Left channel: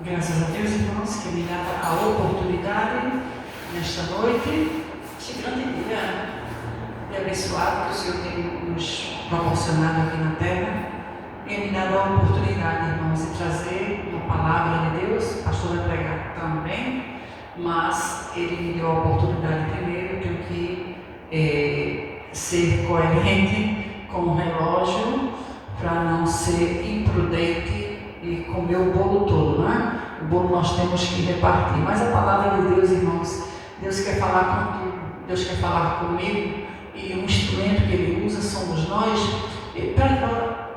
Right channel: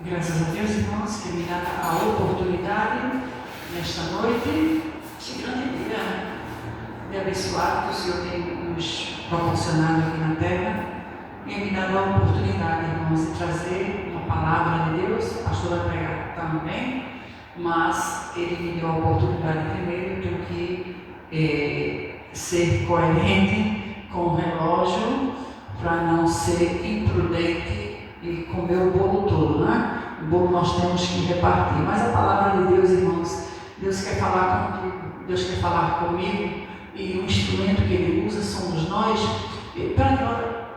Graças a Deus, irmãos, que me dá a oportunidade nesta noite, este grande dia de abençoado que o Senhor tem nos proporcionado aqui na terra, e me dá a oportunidade, irmãos, de trazer uma palavra de Deus. O pastor vai pregar também, mas ele me deu a oportunidade primeiro. Eu tenho que ser coerente com o relógio para não ser imprudente e comer o bolo todo, né? O bolo nós temos que repartir, mas a palavra de Deus, irmãos, Deus quer falar contigo, Deus quer falar comigo, e o instrumento que Ele usa somos nós, para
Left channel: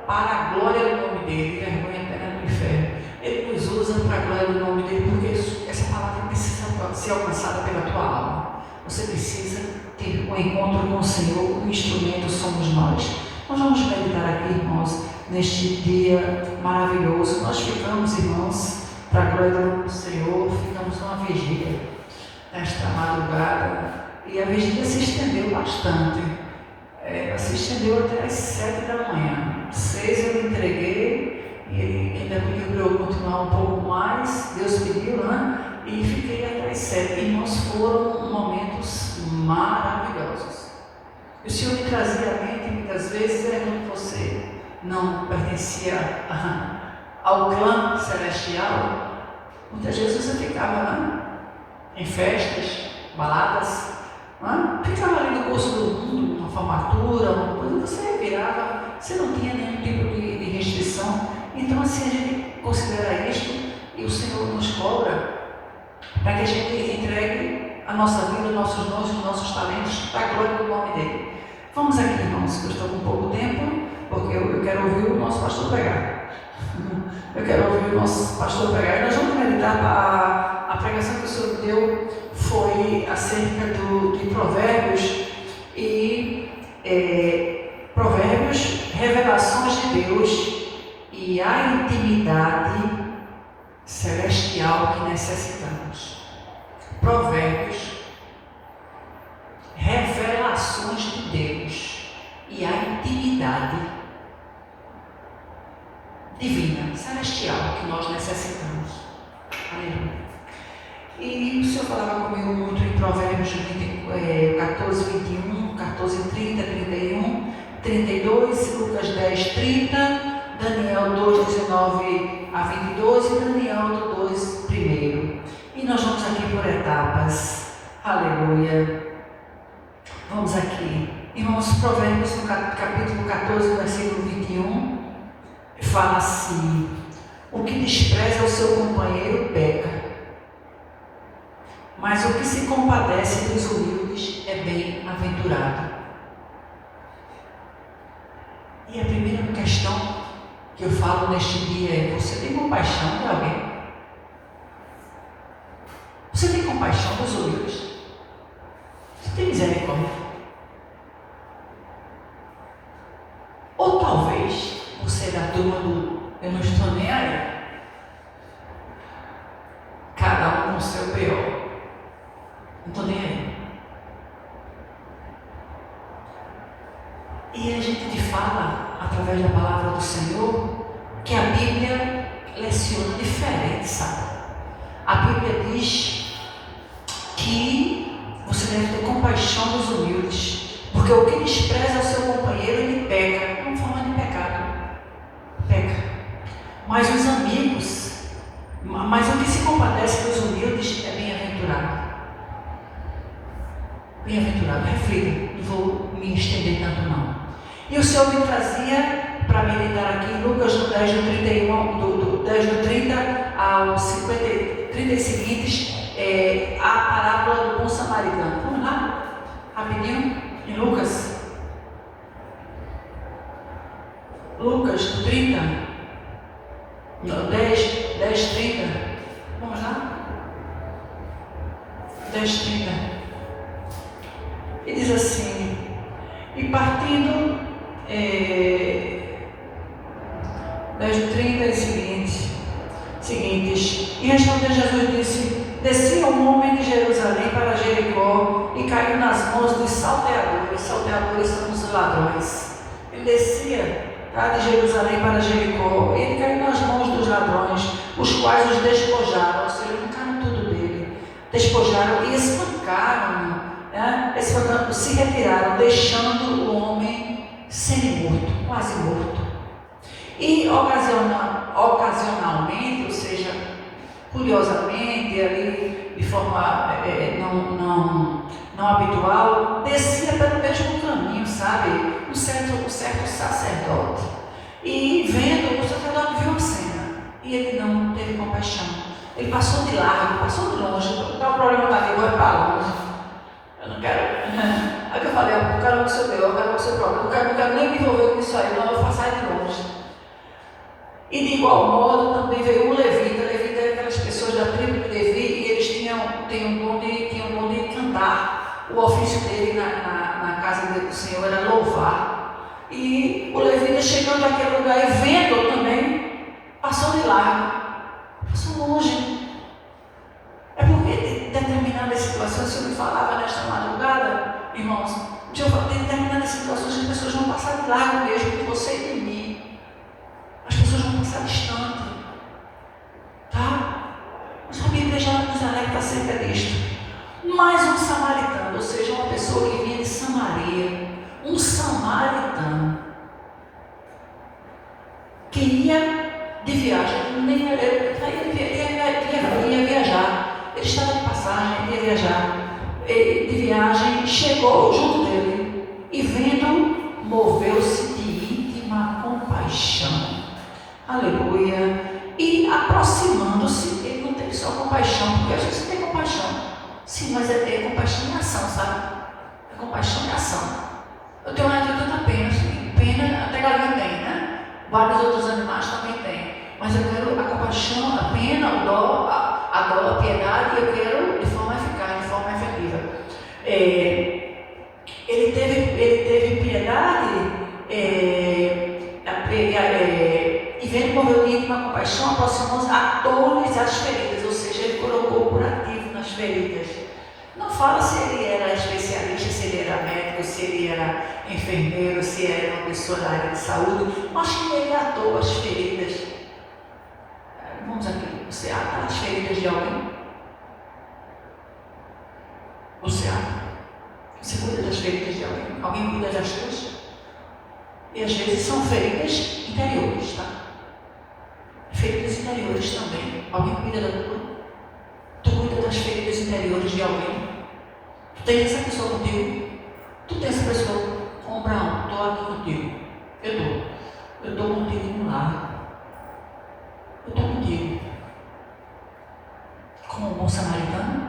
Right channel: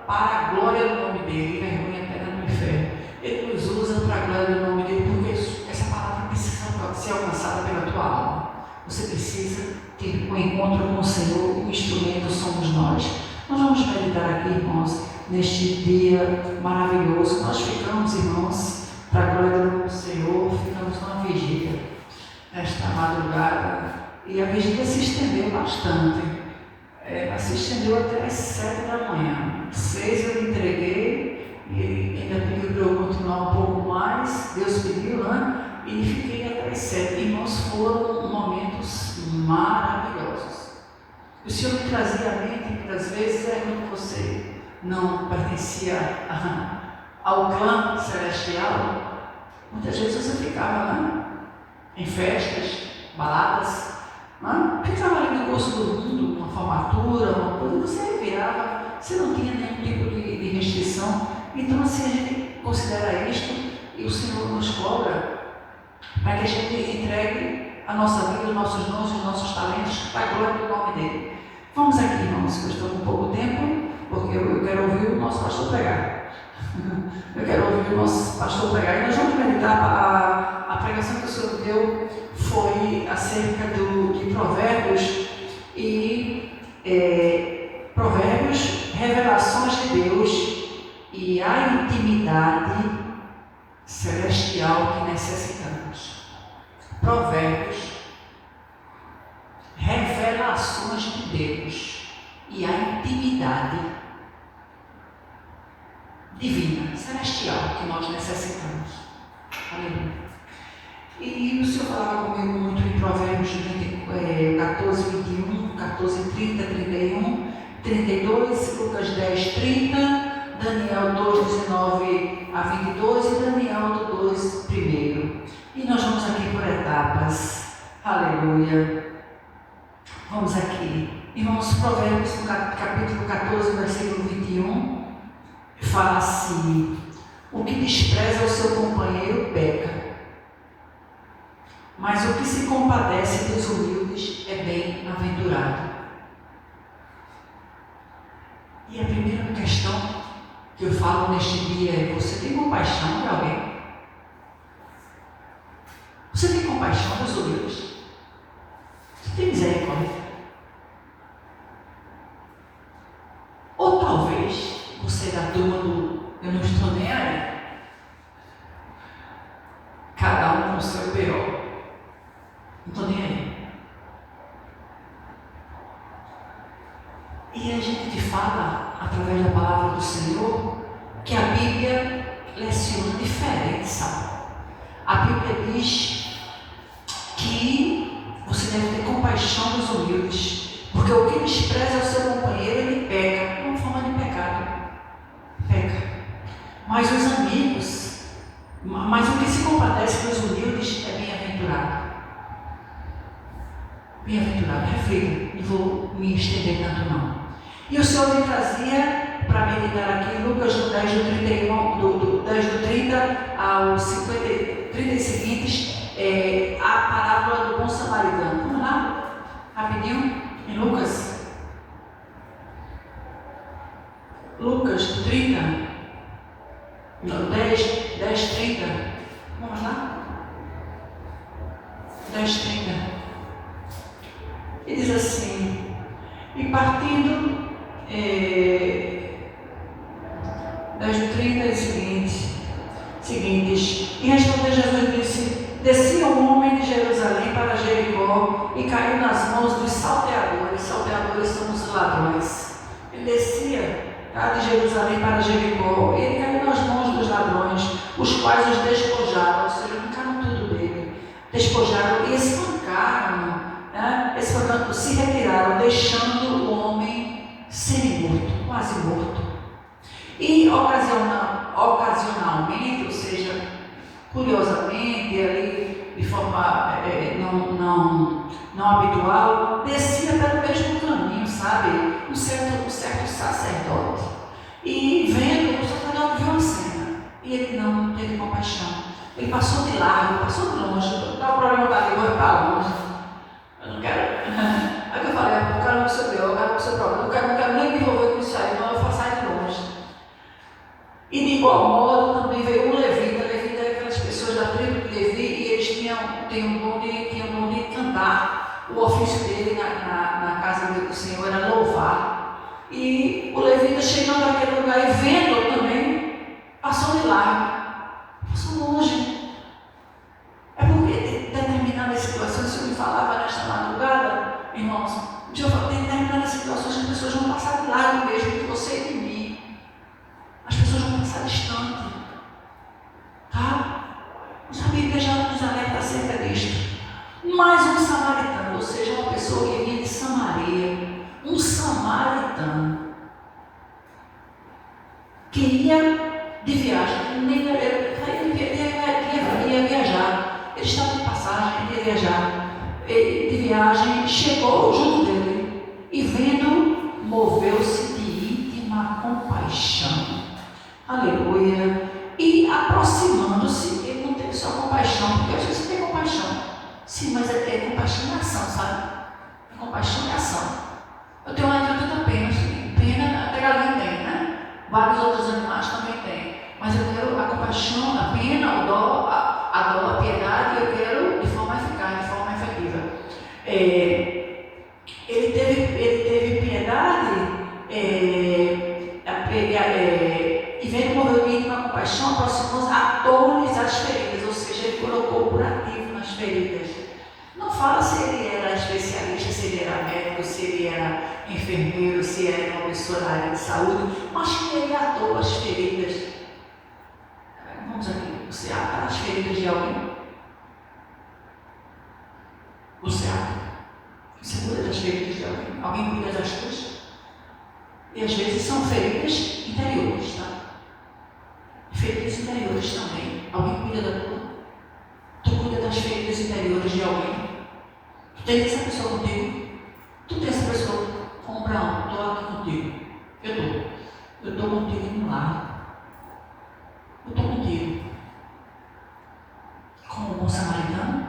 a glória do nome dEle, vergonha eterna do inferno. Ele nos usa para a glória do nome dEle, porque essa palavra precisa ser alcançada pela tua alma. Você precisa ter um encontro com o Senhor, o instrumento somos nós. Nós vamos meditar aqui, irmãos, neste dia maravilhoso. Nós ficamos, irmãos, para a glória do Senhor, ficamos numa vigília nesta madrugada, e a vigília se estendeu bastante. Ela se estendeu até as 7 da manhã. 6 eu me entreguei, e ele ainda pediu para eu continuar um pouco mais. Deus pediu, né? E fiquei até as 7. Irmãos, foram momentos maravilhosos. O Senhor me trazia à mente, muitas vezes, era quando você não pertencia ao clã celestial. Muitas vezes você ficava, né, em festas, baladas, né, ficava ali no curso do mundo, uma formatura, uma coisa, você virava, você não tinha nenhum tipo de restrição. Então, assim, a gente considera isto, e o Senhor nos cobra para que a gente entregue a nossa vida, os nossos dons, os nossos talentos para a glória do nome dEle. Vamos aqui, irmãos, que eu estou com pouco tempo, porque eu quero ouvir o nosso pastor pregar. Eu quero ouvir o nosso pastor pregar. E nós vamos meditar. A pregação que o Senhor deu foi acerca de Provérbios e Provérbios, revelações de Deus e a intimidade celestial que necessitamos. Provérbios, revelações de Deus e a intimidade divina, celestial que nós necessitamos. Aleluia. E o Senhor falava comigo muito em Provérbios 14, 21, 14, 30, 31, 32, Lucas 10, 30, Daniel 2, 19 a 22 e Daniel 2, 1. E nós vamos aqui por etapas. Aleluia. Vamos aqui. Irmãos, Provérbios, no capítulo 14, versículo 21, fala assim: o que despreza o seu companheiro peca, mas o que se compadece dos humildes é bem-aventurado. E a primeira questão que eu falo neste dia é: você tem compaixão de alguém? Você tem compaixão dos humildes? Você tem misericórdia? Ou talvez você é da turma do eu não estou nem aí, cada um com o seu pior, não estou nem aí. E a gente te fala, através da palavra do Senhor, que a Bíblia leciona diferente, sabe? A Bíblia diz que você deve ter compaixão dos humildes, porque o que despreza o seu companheiro, ele peca, uma forma de pecado, peca. Mas os amigos, mas o que se compadece dos humildes é bem-aventurado. Bem-aventurado, reflita, não vou me estender tanto não. E o Senhor me trazia para meditar aqui em Lucas 10, do 31, do 10 do 30 ao 50, 30 seguintes, a parábola do bom samaritano. Vamos lá, rapidinho, em Lucas. Lucas do 30, não, 10, 30. Vamos lá? 10, 30. E diz assim: e partindo 10 do 30 e seguintes, e respondeu Jesus e disse: descia um homem de Jerusalém para Jericó e caiu nas mãos dos salteadores. Salteadores são os ladrões. Ele descia tá, de Jerusalém para Jericó. Ele caiu nas mãos dos ladrões, os quais os despojaram, ou seja, arrancaram tudo dele, despojaram e espancaram-no, né? Se retiraram, deixando o homem semi-morto, quase morto. E ocasionalmente, ou seja, curiosamente, ali de forma não habitual, descia pelo mesmo caminho, sabe? Um certo sacerdote. E vendo, o sacerdote viu a cena e ele não teve compaixão. Ele passou de largo, passou de longe. Então, o problema está ali, vou para longe. Eu não quero. Aí que eu falei, eu quero o seu Deus, eu quero o seu problema, eu não quero nem me envolver com isso aí, não, eu vou passar de longe. E de igual modo também veio um levita. Levita é aquelas pessoas da tribo de Levi, e eles tinham um dom de cantar. O ofício dele na casa do Senhor era louvar. E o levita chegando naquele lugar e vendo também, passou de largo, passou longe. É porque em determinadas situações, se eu me falava nesta madrugada, irmãos, de determinadas situações as pessoas vão passar de largo mesmo de você e de mim. As pessoas vão passar distante. Tá? Mas a Bíblia já nos alerta acerca disto. Mais um samaritano, ou seja, uma pessoa que vinha de Samaria, um samaritano, que ia de viagem, ia viajar, ele estava de passagem, ia viajar, de viagem, chegou junto dele, e vendo, moveu-se de íntima compaixão, aleluia, e aproximando-se, ele não teve só compaixão, porque às vezes tem compaixão, sim, mas é compaixão em ação, sabe? É compaixão em ação. Eu tenho tanta pena, pena até galinha tem, né? Vários outros animais também têm. Mas eu quero a compaixão, a pena, a dó, a piedade, eu quero de forma eficaz, de forma efetiva. Ele teve piedade e vendo morrer de íntima compaixão, aproximou-se, atou-lhes as feridas, ou seja, ele colocou o curativo nas feridas. Não fala se ele era especialista, se ele era médico, se ele era enfermeiro, se ele era uma pessoa da área de saúde, mas que ele atou as feridas. Vamos aqui, você ata as feridas de alguém? Você ata? Você cuida das feridas de alguém? Alguém cuida das suas? E às vezes são feridas interiores, tá? Feridas interiores também. Alguém cuida da tua? Tu cuida das feridas interiores de alguém? Tu tem essa pessoa contigo? Tu tem essa pessoa? Abraão, estou aqui contigo. Eu estou contigo no lar. Eu estou contigo. Como um bom samaritano.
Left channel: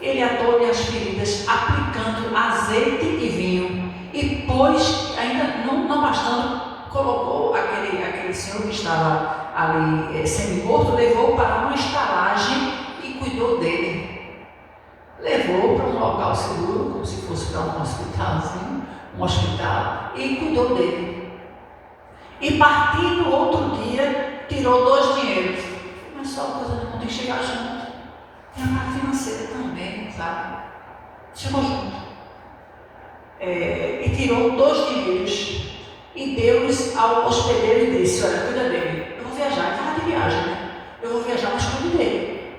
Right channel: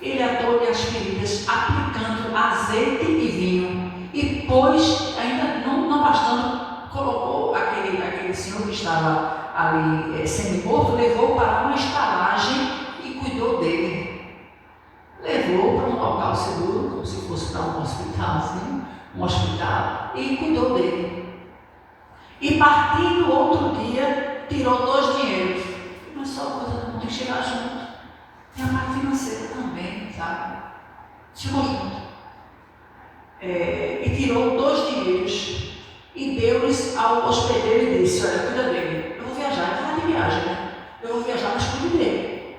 Ele atou-lhe as feridas, aplicando azeite e vinho. E pôs, ainda não bastando, colocou aquele senhor que estava ali semi-morto, levou para uma estalagem e cuidou dele. Levou para um local seguro, como se fosse para um hospitalzinho, e cuidou dele. E partindo outro dia, tirou 2 dinheiros. Mas só uma coisa, tem que chegar junto. Tem a parte financeira também, sabe? Chegou junto. E tirou 2 dinheiros e deu-lhes ao hospedeiro e disse: olha, cuida dele. Eu vou viajar, ele estava de viagem, né? Eu vou viajar, mas cuide dele.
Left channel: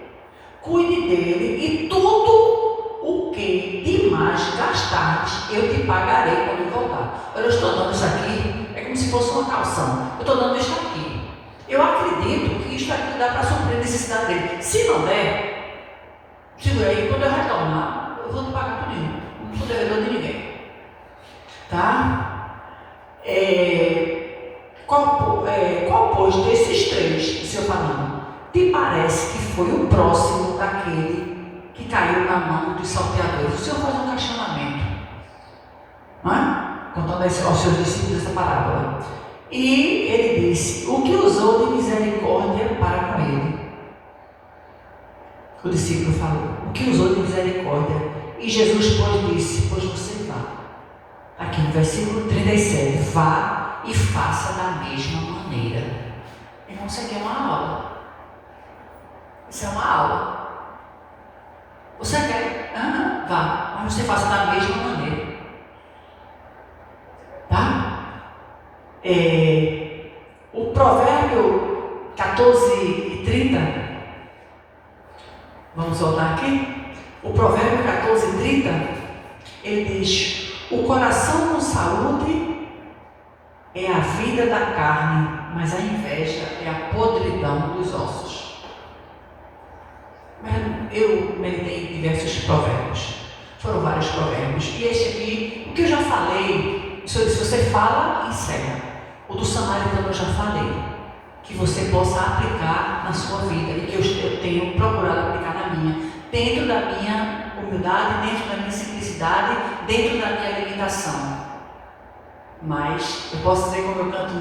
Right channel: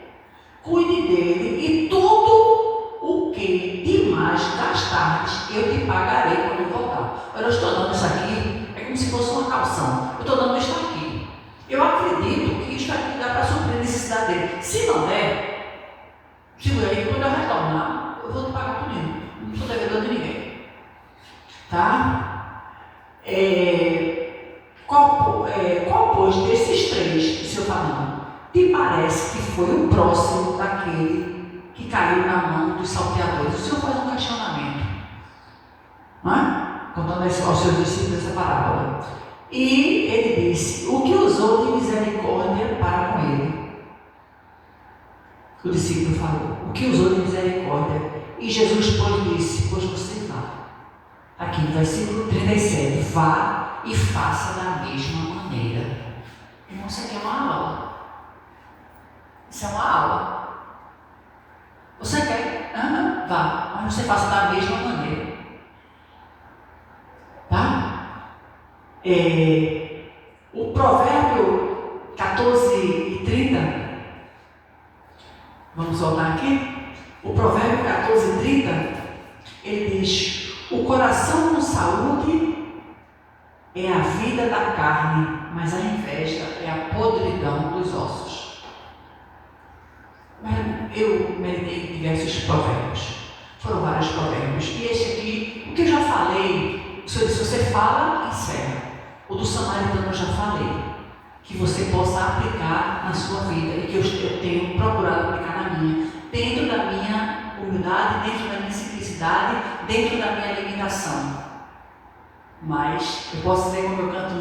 Cuide dele e tudo o que demais gastares, eu te pagarei quando eu voltar. Olha, eu estou dando isso aqui, é como se fosse uma calção. Eu estou dando isso aqui. Eu acredito que isso aqui dá para suprir a necessidade dele. Se não der, segura aí, quando eu retornar, eu vou te pagar tudo. Não sou devedor de ninguém. Tá? Qual pois desses 3, o Senhor falando, te parece que foi o próximo daquele que caiu na mão dos salteadores? O Senhor faz um questionamento, não é? Contando aos seus discípulos essa parábola. E ele disse: o que usou de misericórdia para com ele? O discípulo falou: o que usou de misericórdia? E Jesus, pois, disse: pois você vá. Aqui no versículo 37, vá e faça da mesma maneira. Irmão, isso aqui é uma aula. Isso é uma aula. Você quer? Vá, mas você faça da mesma maneira. Tá? O provérbio 14:30, vamos voltar aqui? O provérbio 14:30, ele diz: o coração com saúde é a vida da carne, mas a inveja é a podridão dos ossos. Mas eu meditei em diversos provérbios, foram vários provérbios, e este aqui, o que eu já falei, o Senhor disse: você fala e segue. O do samaritano eu já falei, que você possa aplicar na sua vida, e que eu tenho procurado aplicar na minha, dentro da minha humildade, dentro da minha simplicidade, dentro da minha limitação. Mas eu posso dizer, como eu canto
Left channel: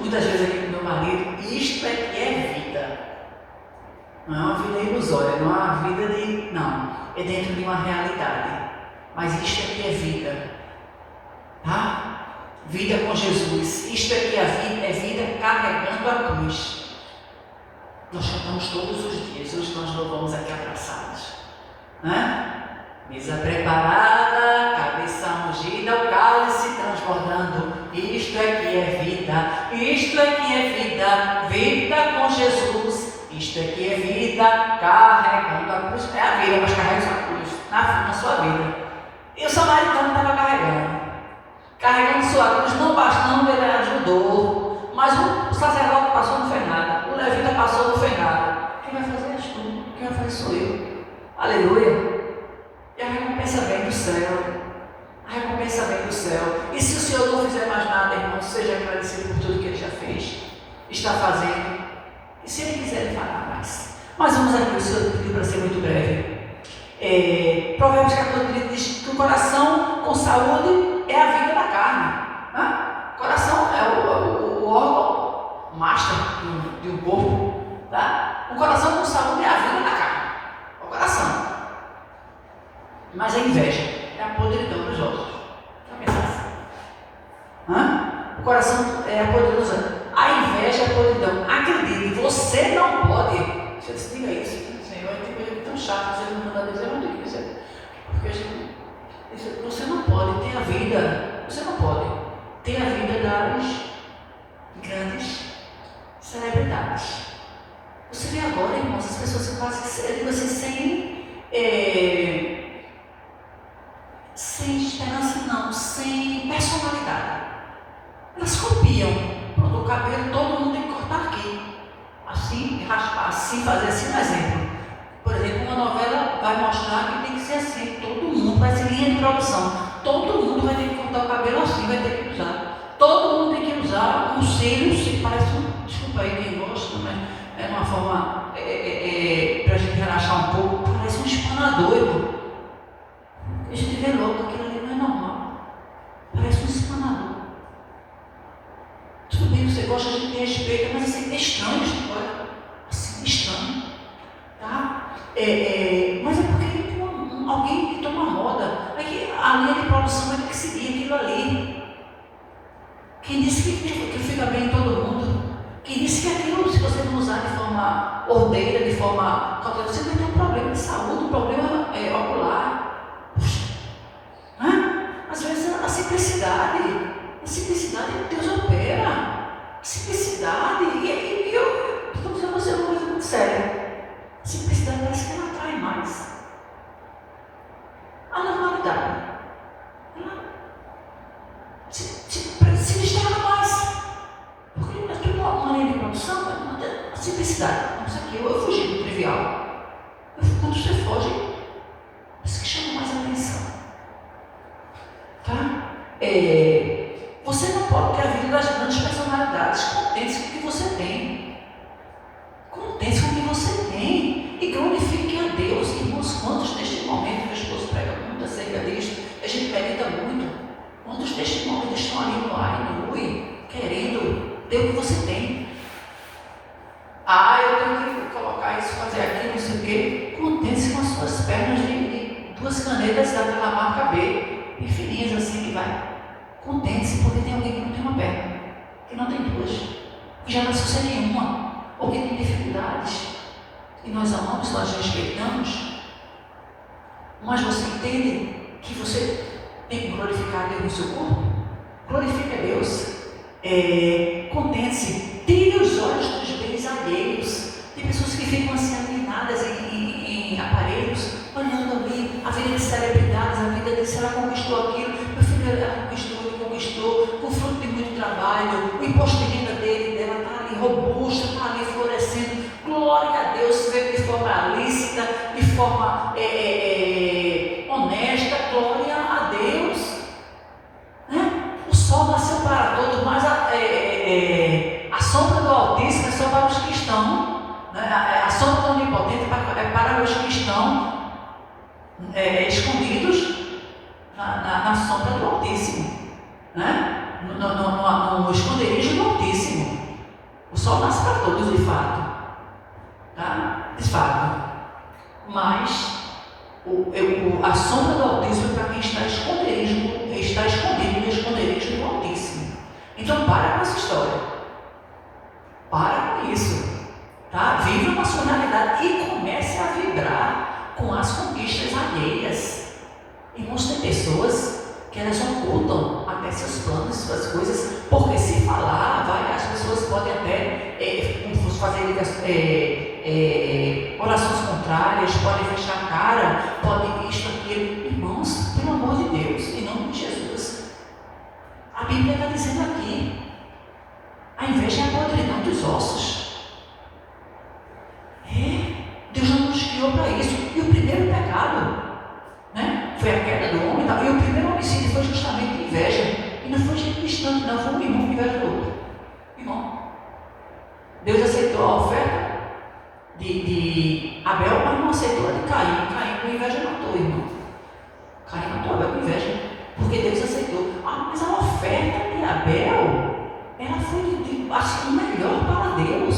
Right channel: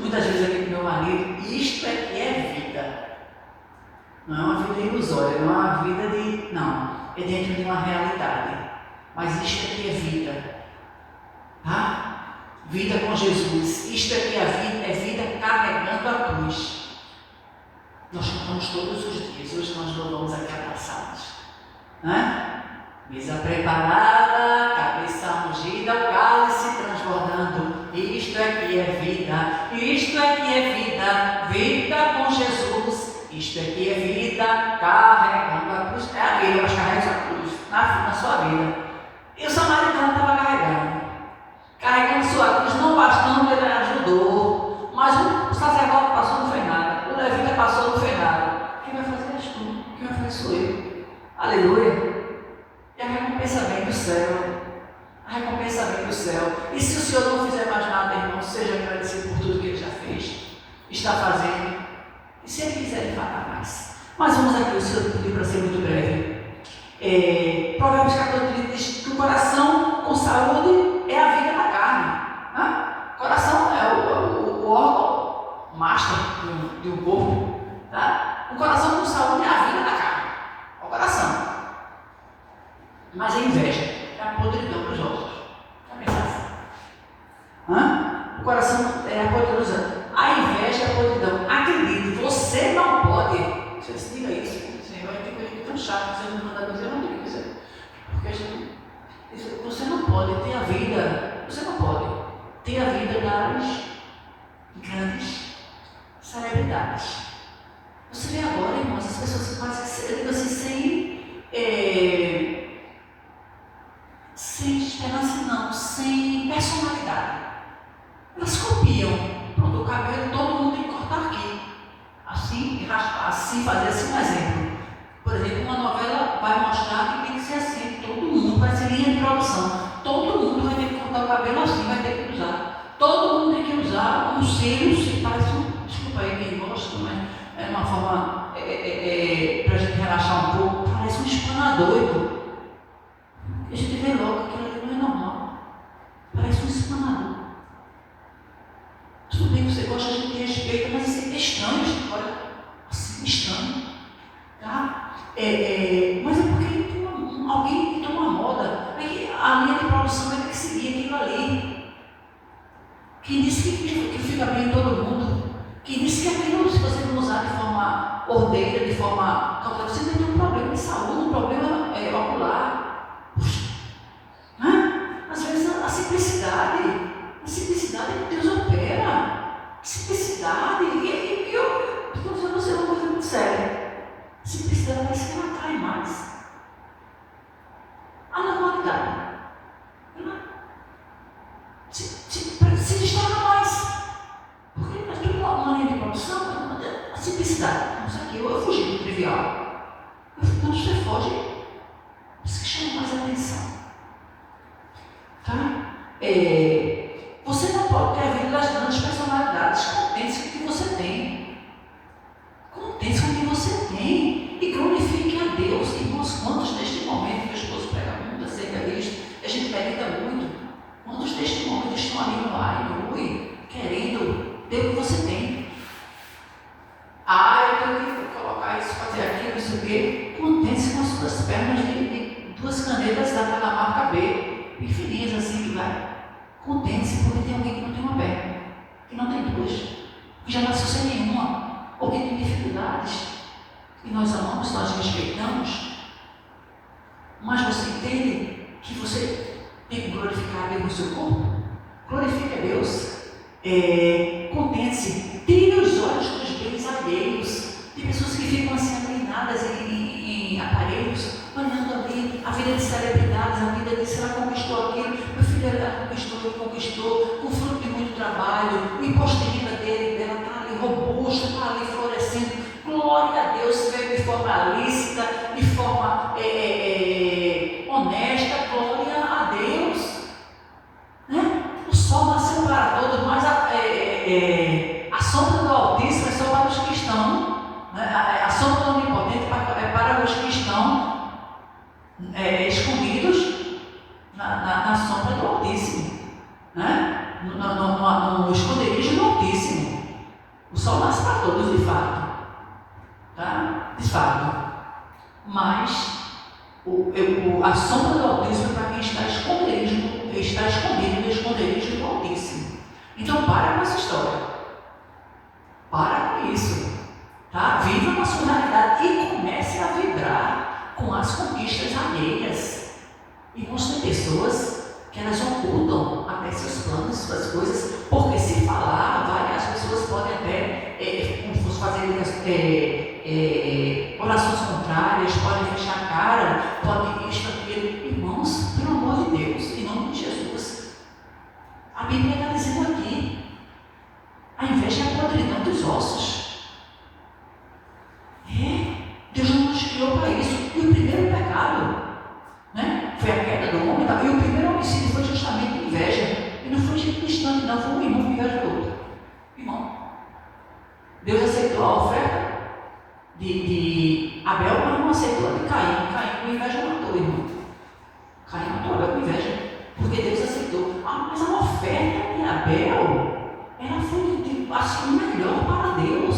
muitas vezes aqui com meu marido, isto é que é vida. Não é uma vida ilusória, não é uma vida de... não, é dentro de uma realidade. Mas isto aqui é vida. Tá? Vida com Jesus. Isto aqui é vida carregando a cruz. Nós cantamos todos os dias. Hoje nós louvamos aqui abraçados. Mesa preparada, cabeça ungida, o cálice transbordando. Isto aqui é vida. Isto aqui é vida. Vida com Jesus. Isto aqui é vida carregando a cruz. É a vida, mas carrega a sua cruz na sua vida. E o samaritano estava carregando sua cruz, não bastando, ele ajudou, mas o sacerdote passou, não fez nada, o levita passou, não fez nada. Quem vai fazer és tu, quem vai fazer sou eu. Aleluia. E a recompensa vem do céu. A recompensa vem do céu. E se o Senhor não fizer mais nada, irmão, seja agradecido por tudo que Ele já fez, está fazendo. E se Ele quiser, Ele fará mais. Mas vamos aqui, o Senhor pediu para ser muito breve. Provérbios 14 diz que o coração com saúde é a vida da carne. O coração é o órgão master de um corpo. Tá? O coração com saúde é a vida da carne. O coração. Mas a inveja é a podridão dos ossos. Já pensasse? O coração é a podridão. A inveja é a podridão. Acredite, você não pode. Você se diga isso. Senhor, tem coisa que é tão chata, você não manda dizer, eu não tenho que dizer. Porque você não pode ter a vida. Você não pode ter a vida das grandes celebridades. Você vê agora, irmãos, as pessoas que quase, eu digo assim, sem esperança não, sem personalidade. Elas copiam. Pronto, o cabelo todo mundo tem que cortar aqui. Assim, raspar, assim, fazer assim, um exemplo. Por exemplo, uma novela vai mostrar que tem que ser assim. Todo mundo vai ser linha de produção. Todo mundo vai ter que cortar o cabelo assim, vai ter que usar. Todo mundo tem que usar uns cílios que parecem, desculpa aí quem gosta, mas é uma forma para a gente relaxar um pouco, parece um espanador, irmão. A gente vê logo que aquilo ali não é normal. Parece um espanador. Tudo bem que você gosta, a gente respeita, mas assim, é estranho, olha, assim, estranho. Tá? Mas é porque alguém que toma moda, é que a linha de produção vai ter que seguir aquilo ali. Quem disse que fica bem em todo mundo? Quem disse que aquilo, se você não usar de forma ordeira, de forma cautelosa, você vai ter um problema de saúde, um problema ocular. Puxa. Às vezes a simplicidade Deus opera. Simplicidade, e eu estou dizendo a você uma coisa muito séria. Simplicidade parece que ela atrai mais. A normalidade, ela se destaca mais. Porque nós temos uma linha de produção, a simplicidade. Isso aqui eu fugi do trivial. Quando você foge, isso que chama mais a atenção. Tá? Você não pode ter a vida das grandes personalidades. Contente-se com o que você tem. Contente-se com o que você tem. E glorifique a Deus. Irmãos, quantos neste momento, que o esposo prega muito acerca disso, a gente medita muito. Quantos neste momento estão ali no ar e no ui, querendo ter o que você tem? Eu tenho que colocar isso, fazer aquilo, isso aqui. Contente-se com as suas pernas de duas canetas daquela marca B, e fininhas assim que vai. Contente-se porque tem alguém que não tem uma perna, que não tem duas, que já nasceu sem nenhuma, ou que tem dificuldades, e nós amamos, nós respeitamos, mas você entende que você tem que glorificar a Deus no seu corpo? Glorifique a Deus. Contente-se, tire os olhos dos bens alheios. Tem pessoas que ficam assim alienadas em aparelhos, olhando ali a vida de celebridades, a vida de se ela conquistou aquilo, meu filho ela conquistou, ele conquistou, com fruto de muito trabalho, o imposto de renda dela está ali robusto, está ali florescendo. Glória a Deus, feito de forma lícita, de forma honesta, glória a Deus. Né? O sol nasceu para todos, mas a sombra do Altíssimo é só para os que estão, né? A sombra do Onipotente é para os que estão escondidos na sombra do Altíssimo, né? No esconderijo do Altíssimo. O sol nasce para todos, de fato. Tá? De fato. Mas a sombra do Altíssimo é para quem está escondido no esconderijo do Altíssimo. Então para com essa história. Para com isso. Tá? Viva com a sua realidade e comece a vibrar com as conquistas alheias. Irmãos, tem pessoas que elas ocultam até seus planos, suas coisas, porque se falar, várias pessoas podem até fazer orações contrárias, podem fechar a cara, podem isto, aquilo. Irmãos, pelo amor de Deus, em nome de Jesus, a Bíblia está dizendo aqui, a inveja é a podridão dos ossos. Deus não nos criou para isso. E o primeiro pecado, né, foi a queda do homem, e o primeiro homicídio foi justamente inveja. E não foi gente distante, não, foi um irmão que inveja o outro. Irmão, Deus aceitou a oferta de Abel, mas não aceitou a de Caim. Caim com inveja matou, irmão. Caim matou Abel com inveja, porque Deus aceitou. Mas a oferta de Abel, ela foi o melhor para Deus.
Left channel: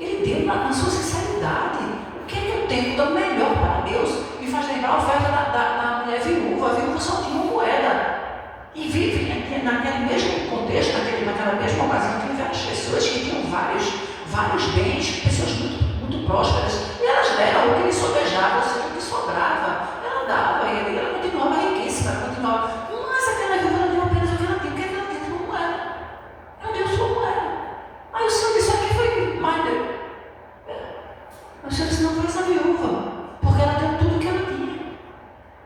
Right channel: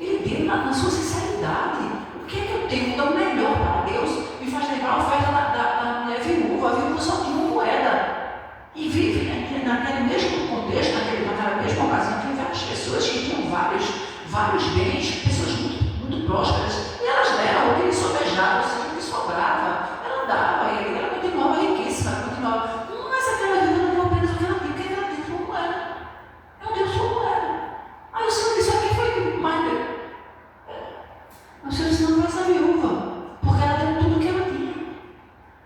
Ele deu na sua sinceridade. O que é que eu tenho? Dou melhor para Deus. Me faz lembrar a oferta da mulher viúva. A viúva só tinha uma moeda. E vivem naquele mesmo contexto, naquela mesma ocasião, tem várias pessoas que tinham vários bens, pessoas muito prósperas. E elas deram o que lhe sobejava, ou seja, o que sobrava. Ela dava, e ela continuava riquíssima, continuava. Mas aquela viúva não deu apenas o que ela tinha, porque ela deu sua moeda. Ela deu sua moeda. Aí o Senhor disse: aqui foi mais deu. O Senhor disse: não foi essa viúva, porque ela deu tudo o que ela tinha.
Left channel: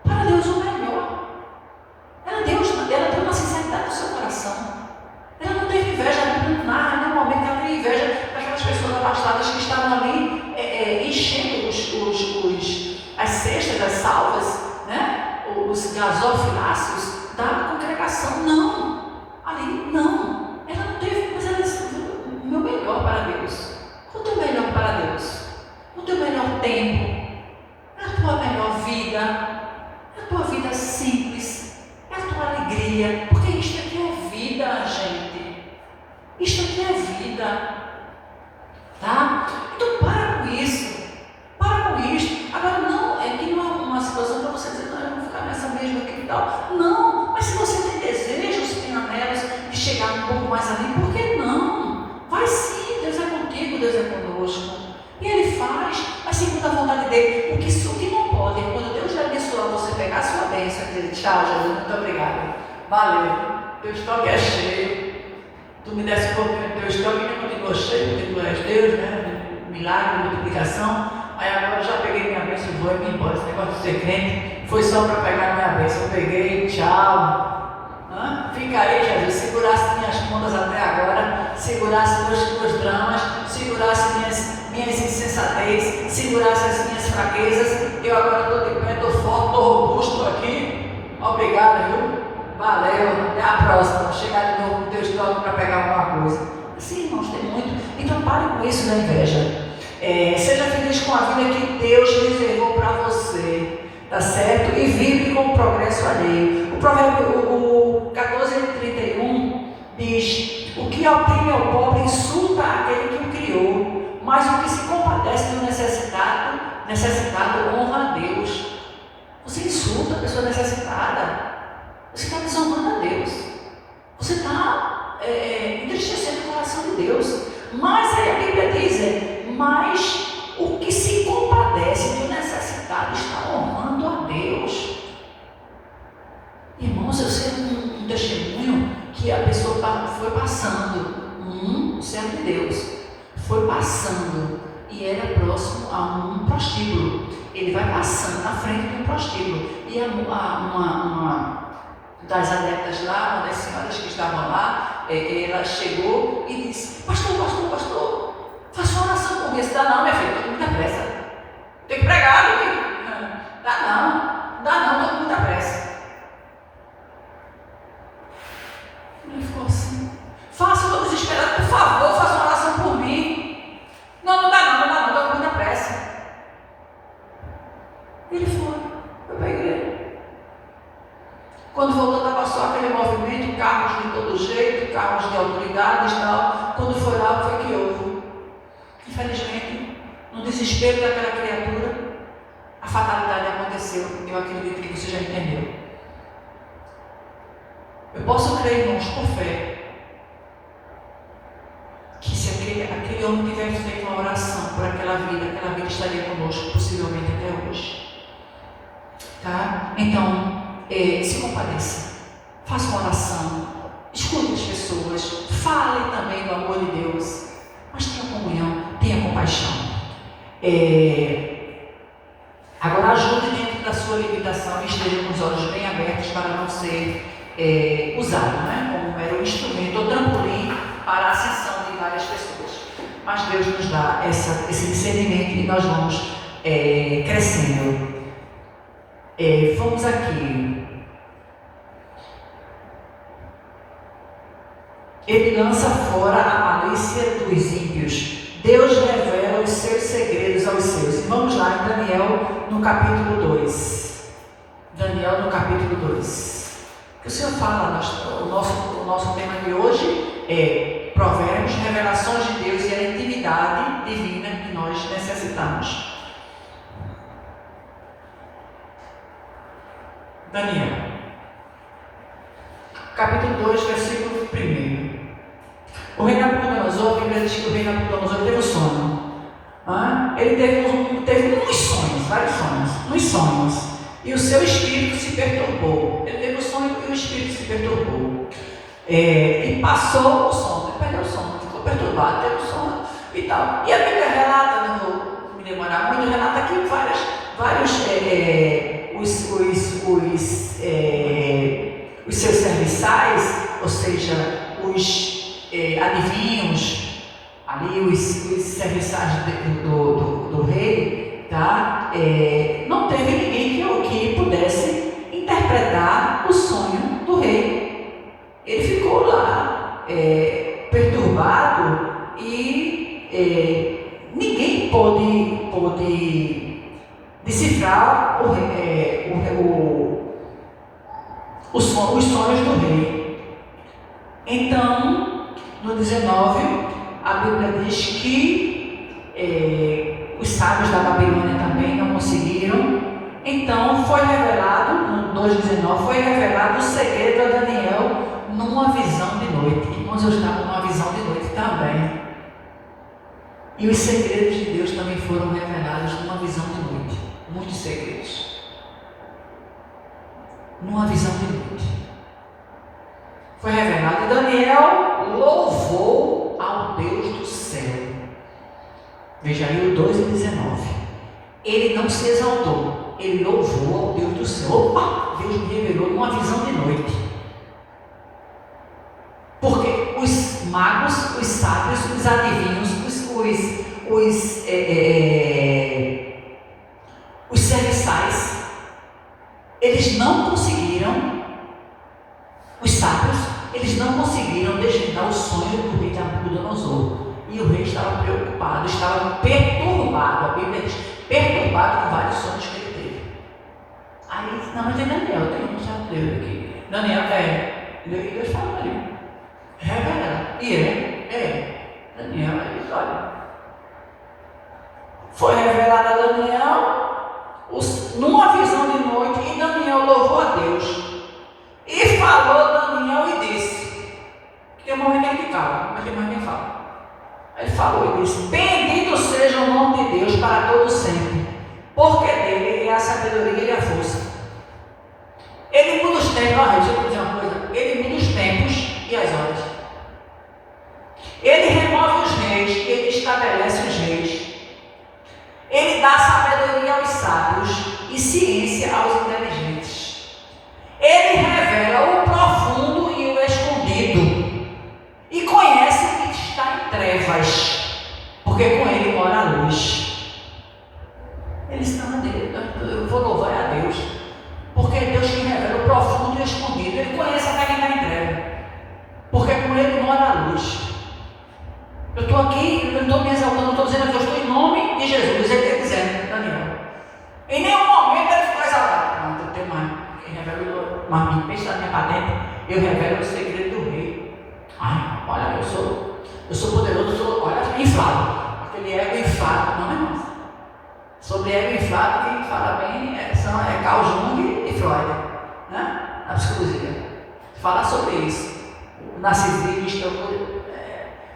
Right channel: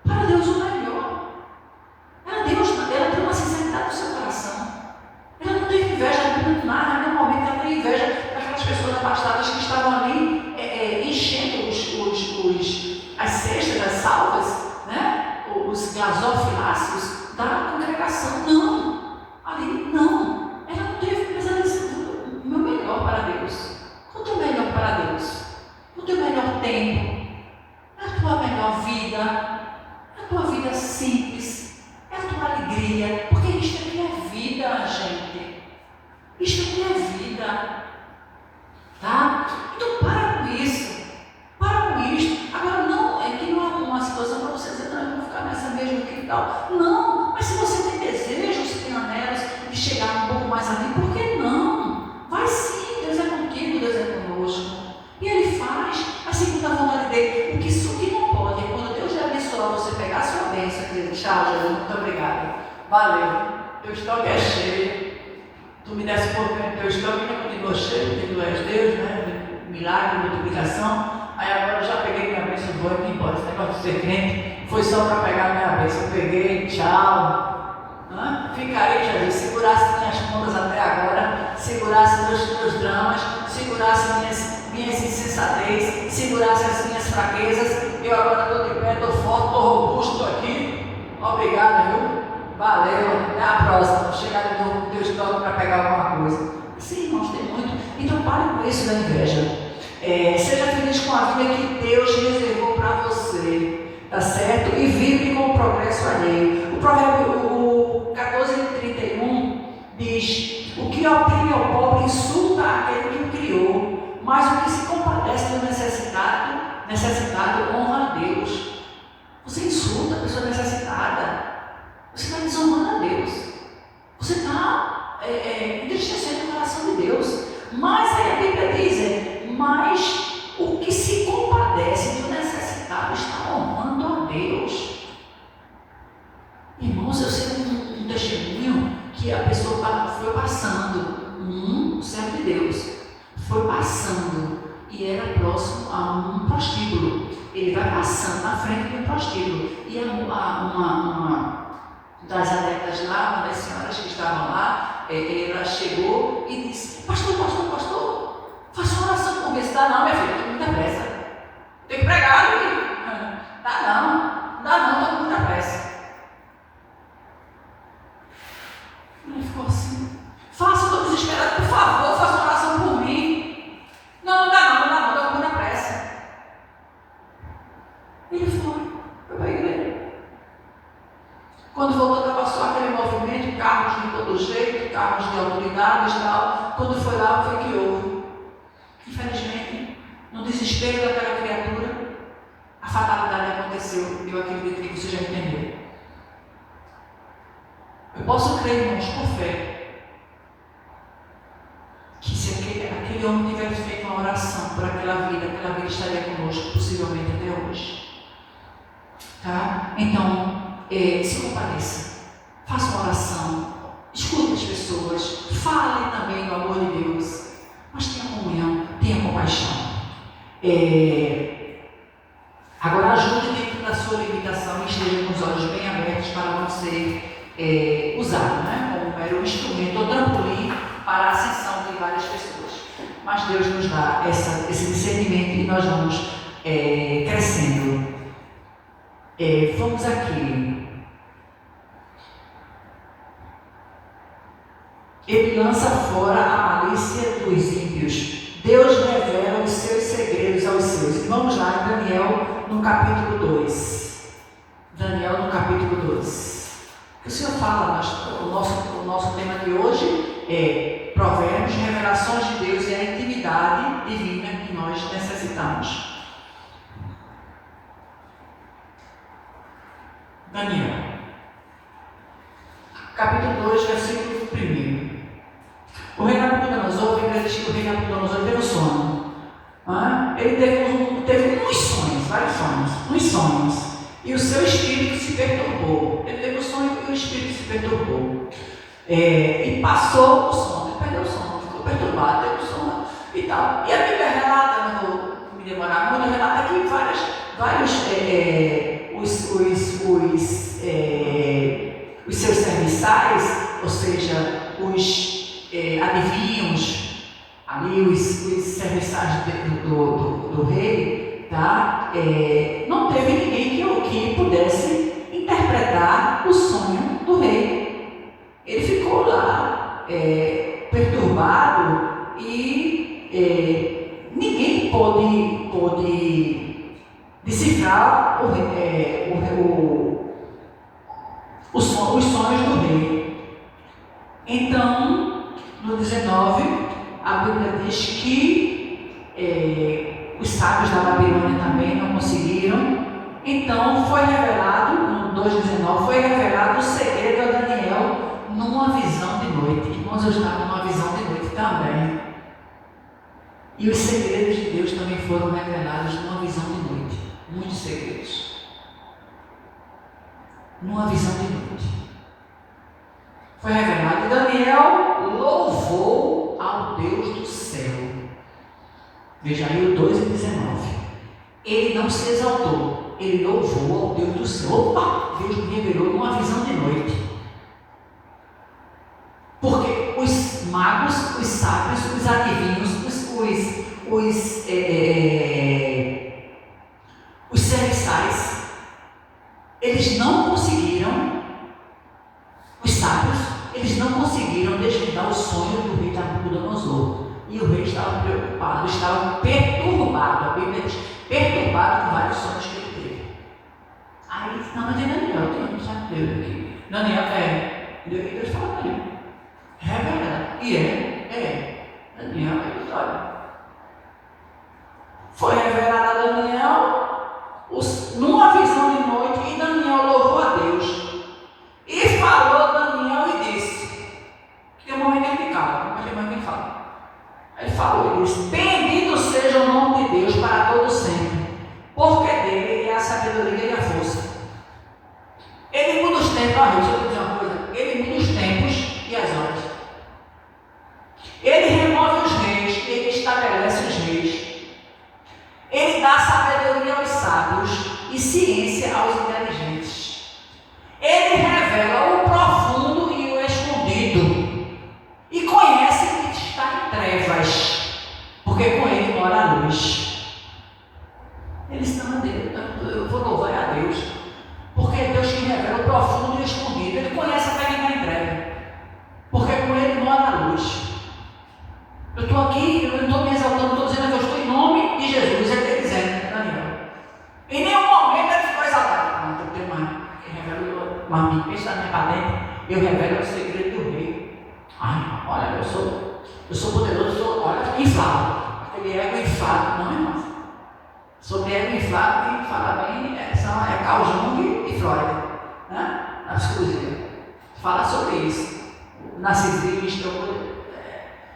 Para Deus o melhor. Ela deu uma sinceridade no seu coração. Ela não teve inveja, não nada, em nenhum momento ela teve inveja daquelas pessoas abastadas que estavam ali enchendo as cestas, as salvas, né? Os gasofiláceos da congregação. Não, ali não. Ela não teve, mas ela disse: o meu melhor para Deus. O teu melhor para Deus. O teu melhor tempo. A tua melhor vida. A tua vida simples. A tua alegria. Porque isto aqui é vida, gente. Isto aqui é vida. Tá? Então para com isso. Para com isso. Agora não, aqui não é uma situação para você dizer: não, eu vou ficar nessa mesma aqui e tal. Não, mas se você tem desejos, tem anelos de chegar um pouco mais ali, por que não? Vai sim, Deus é contigo, Deus é conosco. E Ele faz, mas segundo a vontade dEle. O que não pode é quando Deus lhe abençoar, você pegar a sua bênção e dizer: tchau, Jesus, muito obrigado. Valeu, teu estoque é cheio. Tu me desse um pouquinho do teu estoque e não continua cheio, porque tu és Deus, né? Milagre, multiplicação. Aí agora eu já peguei minha bênção e vou embora. Esse negócio de ser crente foi só para pegar minha bênção. Eu peguei, tchau. Fica aí, Jesus. Segurasse minhas contas até agora, segurasse meus dramas, segurasse minhas insensatez, segurasse as minhas fraquezas. Eu agora estou de pé, estou forte, estou robusto aqui. Obrigado, viu? Valeu, até a próxima. Vou chegar de novo no teu estoque para pegar alguma coisa. Sim, irmãos, tem muito. Então pare com isso da inveja. Seja feliz com a vida que Deus reservou para você, tá certo? E vive com o progresso alheio. O provérbio 14:31 diz: o que oprime ao pobre insulta aquele que o criou, mas o que se compadece do necessitado honra a Deus. Você insulta a pessoa necessitada, você está desonrando a Deus, você está entristecendo o coração de Deus. Mas aí a Bíblia diz: mas o que se compadece do necessitado está honrando a Deus. Irmãos, eu sei um testemunho que a pessoa foi passando passando um servo de Deus, foi passando e era próximo a um prostíbulo. Ele vai passando na frente de um prostíbulo e uma das adeptas lá, uma das senhoras que estavam lá, ela chegou e disse: pastor, faça uma oração por mim. Dá não, minha filha, muita pressa, tem que pregar ali. Dá não, estou com muita pressa. Ele ficou assim: faça, estou desesperado, por favor, faça uma oração por mim. Não dá não, estou com muita pressa. Ele foi para a igreja. Quando voltou, estava só aquele movimento, carros de todo jeito, carros de autoridades e tal. Quando foi lá, foi que houve. Infelizmente, no desespero daquela criatura, a fatalidade aconteceu. Eu acredito que você já entendeu. Eu posso crer, irmãos, por fé, que se aquele homem tivesse feito uma oração por aquela vida estaria conosco, possivelmente até hoje. Tá? Então, se compadeça, faça uma oração, escute as pessoas, fale também do amor de Deus, mas tenha comunhão, tenha compaixão. Agora, ajude dentro da sua limitação e esteja com os olhos bem abertos para não ser usado, né, como mero instrumento ou trampolim para a ascensão de várias pessoas. Mas Deus nos dá esse discernimento e nós vamos crescendo. Vamos aqui. Ele lança fora a malícia dos ímpios. Deus revela os seus segredos aos seus. Vamos lá em Daniel no capítulo 2. Daniel no capítulo 2. O Senhor fala, o nosso tema de hoje é Provérbios, revelações de Deus e a intimidade divina que nós necessitamos. Daniel, capítulo 2, versículo 1. O rei Nabucodonosor, a Bíblia diz que o rei Nabucodonosor teve um sonho. Ele teve muitos sonhos, vários sonhos, muitos sonhos. E o seu espírito se perturbou. Ele teve um sonho e o espírito se perturbou. E passou o sono, ele perdeu o sono, ficou perturbado, teve um sono e tal. E a Bíblia relata, não vou me demorar muito, relata aqui vários os seus serviçais, ou seja, os adivinhos, ali os serviçais do rei, tá? Não teve ninguém que pudesse interpretar o sonho do rei. Ele ficou lá perturbado e ninguém pôde decifrar os sonhos do rei. Então, no 19, a Bíblia diz que os sábios da Babilônia também não conseguiram. Então foi revelado, no 2,19, foi revelado o segredo a Daniel numa visão de noite. Irmãos, eu estava numa visão de noite também. E os segredos de Deus também foram revelados numa visão de noite. Muitos segredos. Numa visão de noite. Foi revelado. E Daniel louvou ao Deus do céu. Veja aí o 2,19. Ele não se exaltou, ele louvou ao Deus do céu. Opa, Deus me revelou numa visão de noite. Porque os magos, os sábios, os adivinhos, os serviçais, eles não conseguiram, os sábios, eles não conseguiram desvendar o sonho do rei Nabucodonosor. E o rei estava preocupado, estava perturbado. A Bíblia diz, perturbado com vários sonhos que ele teve. Aí ele disse: não, mas é Daniel, tem um certo Deus aqui. Daniel, Deus fala ali, revela. E Daniel, aí diz: olha, foi revelado a Daniel numa visão de noite, e Daniel louvou a Deus. E falou Daniel e disse: tem um momento em que cala, mas tem um momento em que fala. Ele falou e disse: bendito seja o nome de Deus para todo sempre, porque dele é a sabedoria e a força. Ele muda os tempos, deixa eu dizer uma coisa, ele muda os tempos e as horas. Ele remove os reis, ele estabelece os reis. Ele dá sabedoria aos sábios e ciência aos inteligentes. Ele revela o profundo e o escondido. E conhece o que está em trevas, porque com ele mora a luz. Eles estão a Deus. Eu vou louvar a Deus, porque é Deus que revela o profundo e o escondido. Ele conhece até quem está em treva, porque com ele mora a luz. Eu estou aqui, eu não estou me exaltando, estou dizendo que eu estou em nome de Jesus. Ele está dizendo, Daniel. Em nenhum momento ele ficou exaltado. Não, tem mais. Ele revela uma pensamento para dentro. Eu revelo o segredo do rei. Ai, olha, eu sou poderoso, olha, inflado. Aquele ego inflado, não é, irmão? Sobre ego inflado, quem fala bem é Carl Jung e Freud, né? Na psicologia. Falar sobre isso. O narcisista,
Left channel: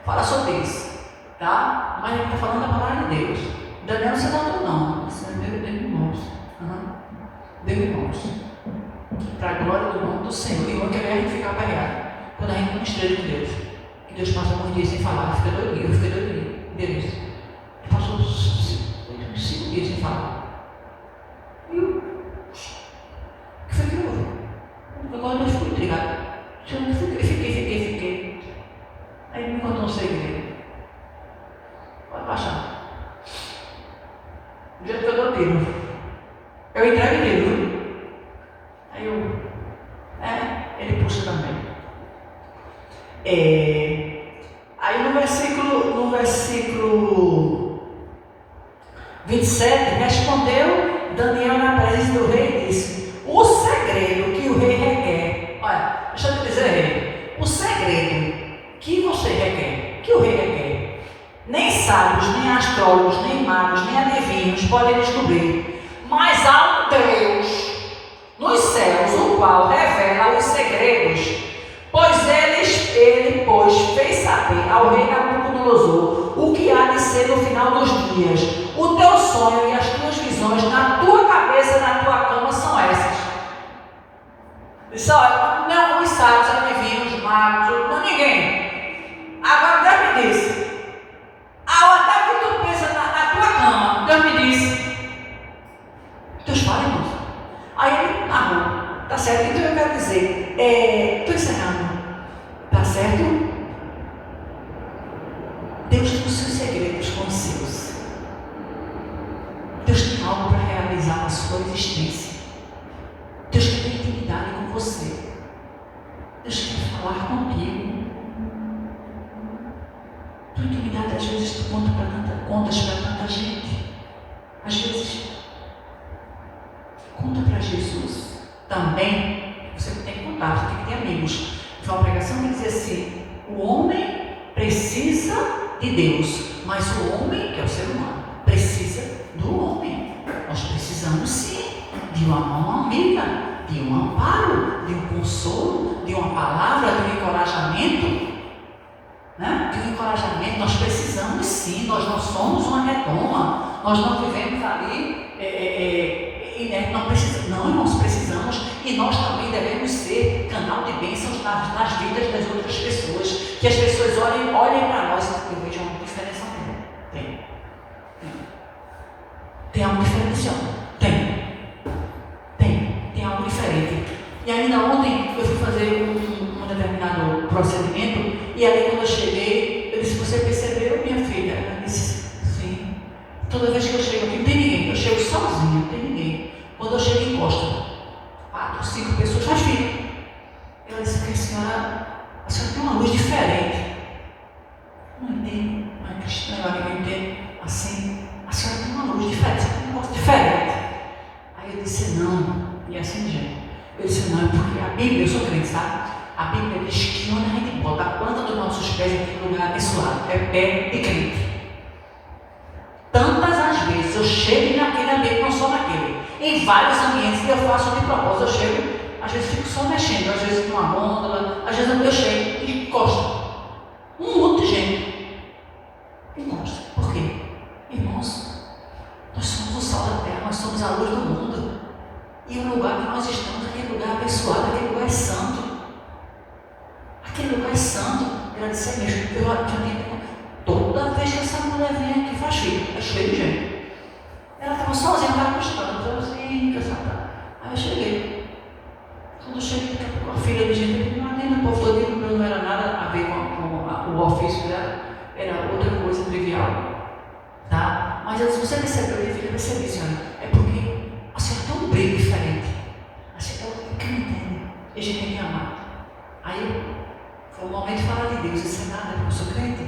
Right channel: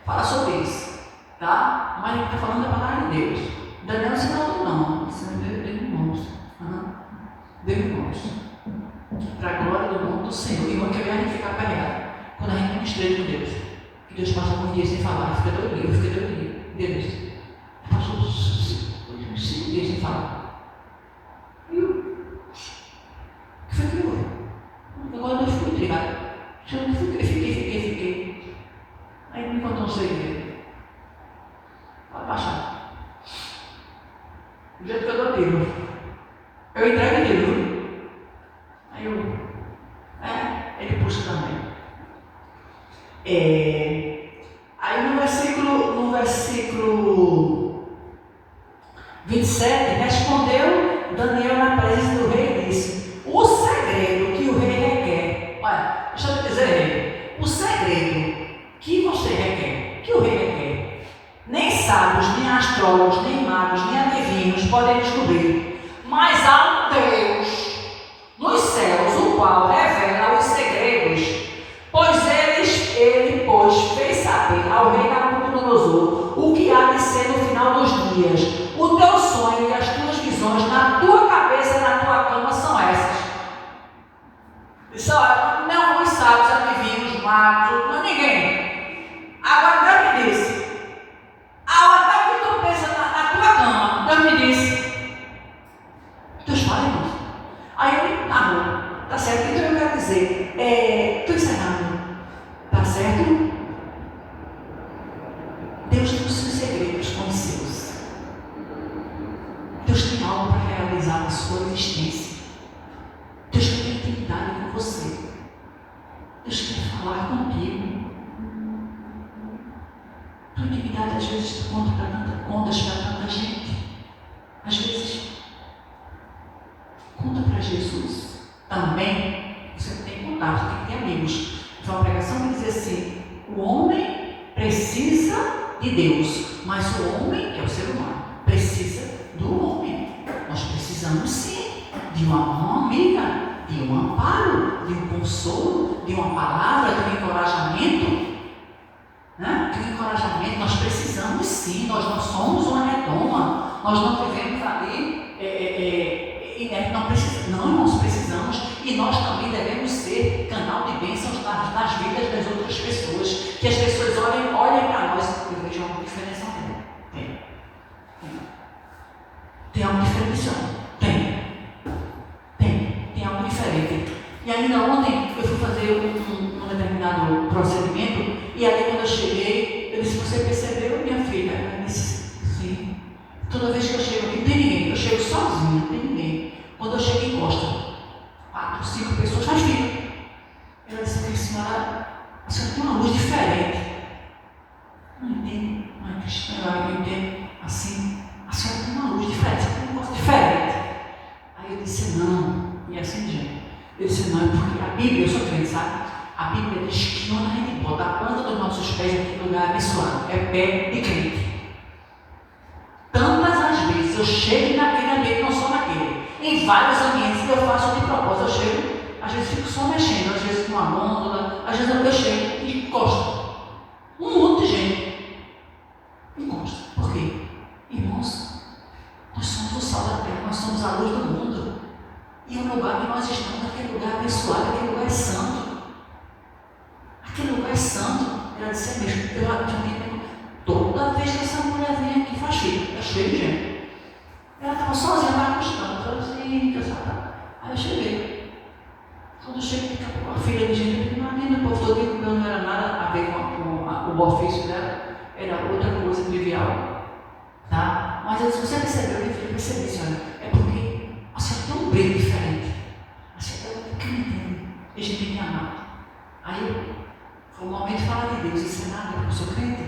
fala sobre isso, tá? Mas ele está falando da palavra de Deus. Daniel não se matou, não. Isso é Deus irmãos. Deus irmãos. Para a glória do nome do Senhor. E irmão, que é a gente ficar apanhado. Quando a gente não esteja com Deus. Que Deus passa algum dia sem falar. Fica doidinho, fica doidinho. Deus. Passou 5 dias sem falar. E o que foi que houve? Agora eu fui intrigado. Eu fiquei. Aí ele me contou um segredo. Vai baixar. Do jeito que eu dou tiro. Eu entrego tiro. Aí ele puxa também. Aí no versículo 27, respondeu Daniel na presença do rei e disse: o segredo que o rei requer. Olha, deixa eu te dizer, rei. O segredo que você requer, que o rei requer, nem sábios, nem astrólogos, nem magos, nem adivinhos podem descobrir, mas há um Deus nos céus, o qual revela os segredos, pois ele fez saber ao rei Nabucodonosor o que há de ser no final dos dias. O teu sonho e as tuas visões na tua cabeça, na tua cama são essas. Disse: olha, não os sábios, adivinhos, magos, não ninguém. Agora Deus me disse, a hora que tu pensa na tua cama, Deus me disse. Deus fala, irmão. Aí ele narrou, tá certo? Então eu quero dizer, estou encerrando, tá certo? Deus tem os seus segredos com os seus. Deus tem algo para realizar na sua existência. Deus quer intimidade com você. Deus quer falar contigo. Tua intimidade, às vezes, tu contas para tanta gente. Às vezes, conta para Jesus. Também, você tem que contar, você tem que ter amigos. Então, uma pregação que dizia assim: o homem precisa de Deus, mas o homem, que é o ser humano, precisa do homem. Nós precisamos, sim, de uma mão amiga, de um amparo, de um consolo, de uma palavra, de um encorajamento. Né? De um encorajamento, nós precisamos sim, nós não somos uma redoma, nós não vivemos ali, não, nós precisamos, e nós também devemos ser canal de bênçãos nas vidas das outras pessoas, que as pessoas olhem para nós e vejam uma diferença. Tem algo diferencial? Tem algo diferente. E ainda ontem eu fui fazer um determinado procedimento, e aí quando eu cheguei, eu disse: você percebeu, minha filha? Ela disse: sim. Toda vez que eu chego aqui, não tem ninguém, eu chego sozinha, não tem ninguém. Quando eu chego, encosto 4, 5 pessoas, mas filha, ela disse: porque a senhora tem uma luz diferente. Não entendo, mas cristã, eu entendo assim. A senhora tem uma luz diferente, você tem um negócio diferente. Aí eu disse: não, e assim gente. Eu disse: não, porque a Bíblia, eu sou crente, sabe? A Bíblia diz que quando a gente bota a planta dos nossos pés aqui no lugar abençoado, é pé de crente. Tantas as vezes eu chego naquele ambiente, não só naquele, em vários ambientes que eu faço de propósito. Eu chego, às vezes fico só mexendo, às vezes numa gôndola, às vezes eu chego e encosto. Um monte de gente encosta. Por quê? Irmãos, nós somos o sal da terra, nós somos a luz do mundo. E o lugar que nós estamos, aquele lugar abençoado, aquele lugar é santo. Aquele lugar é santo. Ela disse: mesmo, toda vez que essa mulher vem aqui faz fila, é cheio de gente. Ela estava sozinha, estava custando, eu assim, cansada. Aí eu cheguei. Quando eu cheguei, daqui a pouco a filha de gente, ali no povo todo, não era nada a ver com o ofício dela, era outra coisa trivial. Tá? Mas se você percebeu, eu percebi, senhora, é porque a senhora tem um brilho diferente. A senhora é crente, e a gente tem que amar. Aí foi um momento de falar de Deus, isso é nada, porque eu sou crente.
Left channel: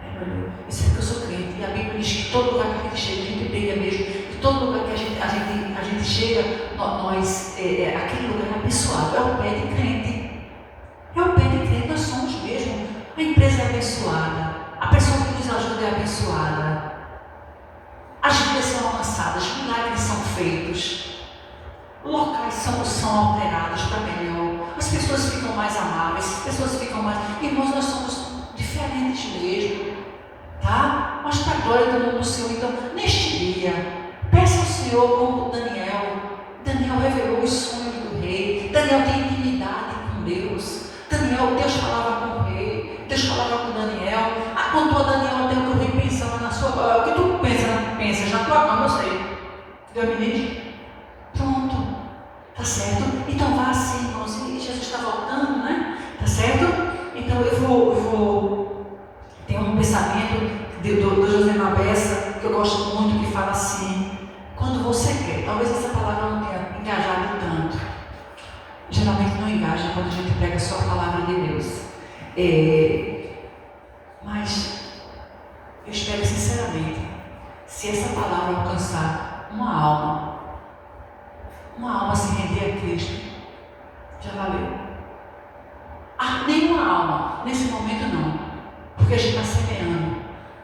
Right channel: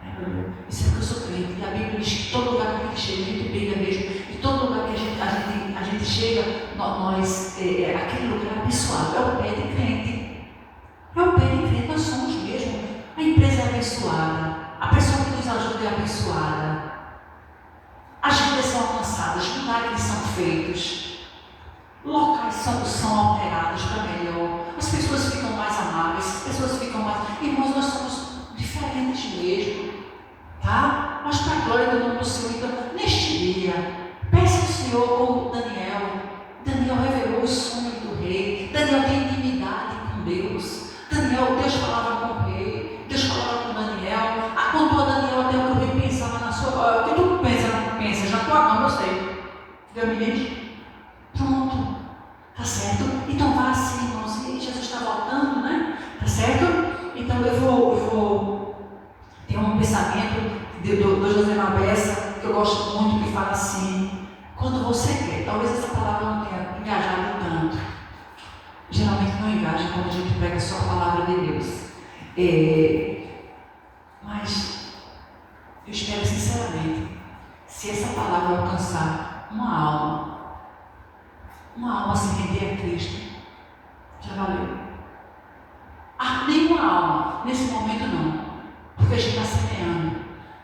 Aí ele olhou, isso é porque eu sou crente. E a Bíblia diz que todo lugar que a gente chega, a gente brilha mesmo. E todo lugar que a gente chega, aquele lugar é abençoado, é o pé de crente. É o pé de crente, nós somos mesmo. A empresa é abençoada, a pessoa que nos ajuda é abençoada. As vidas são alcançadas, milagres são feitos, locais são alterados para melhor, as pessoas ficam mais amáveis, as pessoas ficam mais. Irmãos, nós somos diferentes mesmo, tá? Mas para a glória do nome do Senhor, então, neste dia, peça ao Senhor como Daniel revelou os sonhos do rei, Daniel tem intimidade com Deus, Deus falava com o rei, Deus falava com Daniel, contou a Daniel até que o rei pensava na sua glória. O que tu pensa, já estou acabando, eu sei. Deus me diz, pronto, tá certo? Então vá assim, irmãos, e Jesus está voltando, né? Tá certo? Então eu vou ter um pensamento do José Malbessa, que eu gosto muito, que fala assim, quando você quer, talvez essa palavra não tenha engajado tanto, geralmente não engaja quando a gente prega só a palavra de Deus, mas eu espero sinceramente, se essa palavra alcançar uma alma se render a Cristo, já valeu. Nenhuma alma, nesse momento não, porque a gente está semeando.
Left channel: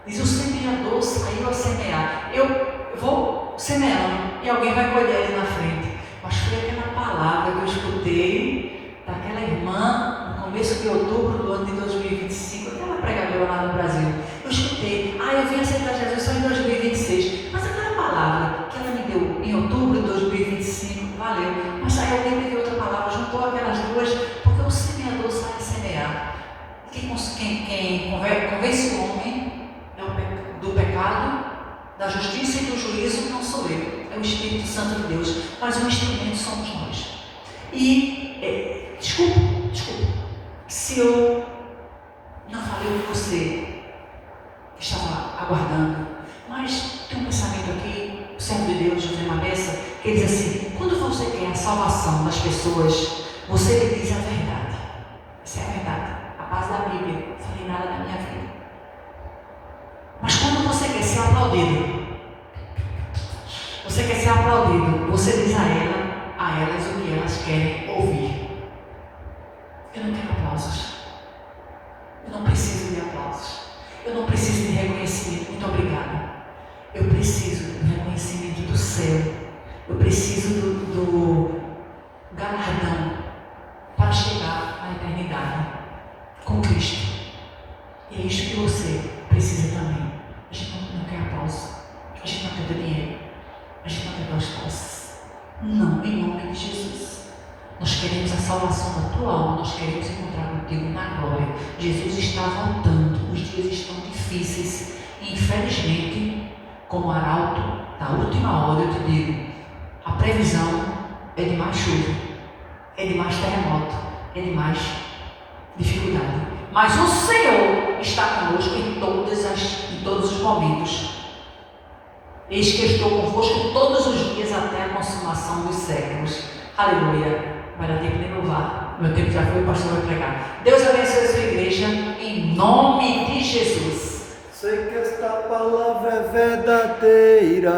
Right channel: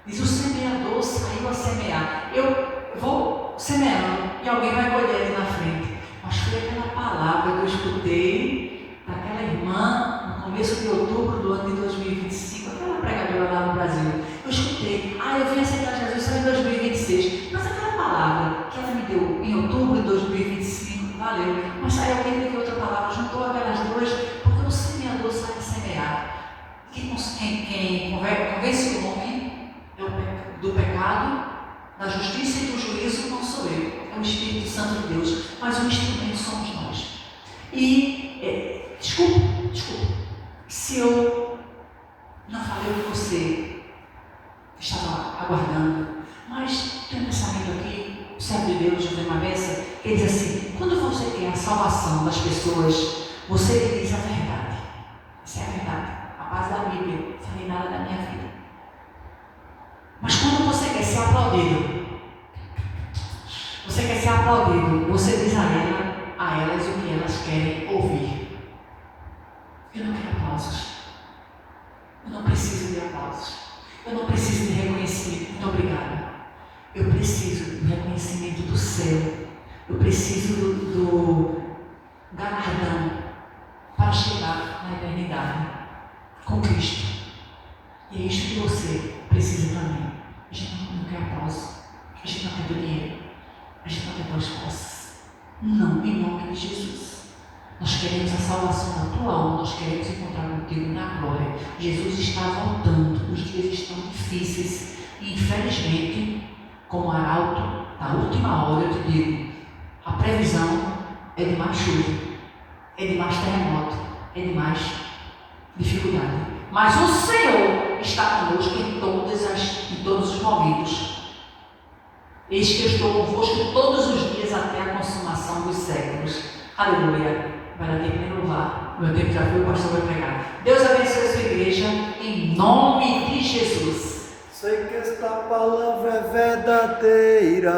Diz o semeador saiu a semear. Eu vou semeando e alguém vai colher ali na frente. Mas foi aquela palavra que eu escutei daquela irmã no começo de outubro do ano de 2025, aquela pregadora lá no Brasil. Eu escutei, eu vim aceitar Jesus só em 2026. Mas aquela palavra que ela me deu em outubro de 2025, valeu. Mas aí alguém teve outra palavra, juntou aquelas duas, porque o semeador sai a semear. Quem convence o homem do pecado, da justiça e do juízo não sou eu, é o Espírito Santo de Deus, mas o instrumento somos nós. E, desculpa, se eu não falei o que você estava aguardando, mas tem um pensamento aqui, o servo de Deus, José Malbessa, que diz assim, quando você quer a salvação das pessoas, você lhe diz a verdade. Essa é a verdade, a base da Bíblia, não falei nada da minha vida. Mas quando você quer ser aplaudido, você diz a elas o que elas querem ouvir. Eu não quero aplausos, eu não preciso de aplausos, eu não preciso de reconhecimento, muito obrigada. Eu preciso do reconhecimento do céu, eu preciso do galardão para chegar na eternidade com Cristo. E é isso que você precisa também. A gente não quer aplauso, a gente não quer dinheiro, a gente não quer duas posses. Não, em nome de Jesus. Nós queremos a salvação da tua alma, nós queremos encontrar contigo na glória. Jesus está voltando, os dias estão difíceis e infelizmente, como arauto da última hora, eu te digo, a previsão é de mais chuva, é de mais terremoto, é de mais dificuldade. Mas o Senhor está conosco em todos os momentos. Eis que eu estou convosco todos os dias até a consumação dos séculos. Aleluia. Vai dar tempo de louvar. Meu tempo já foi, o pastor vai pregar. Deus abençoe a sua igreja em nome de Jesus. Sei que esta palavra é verdadeira.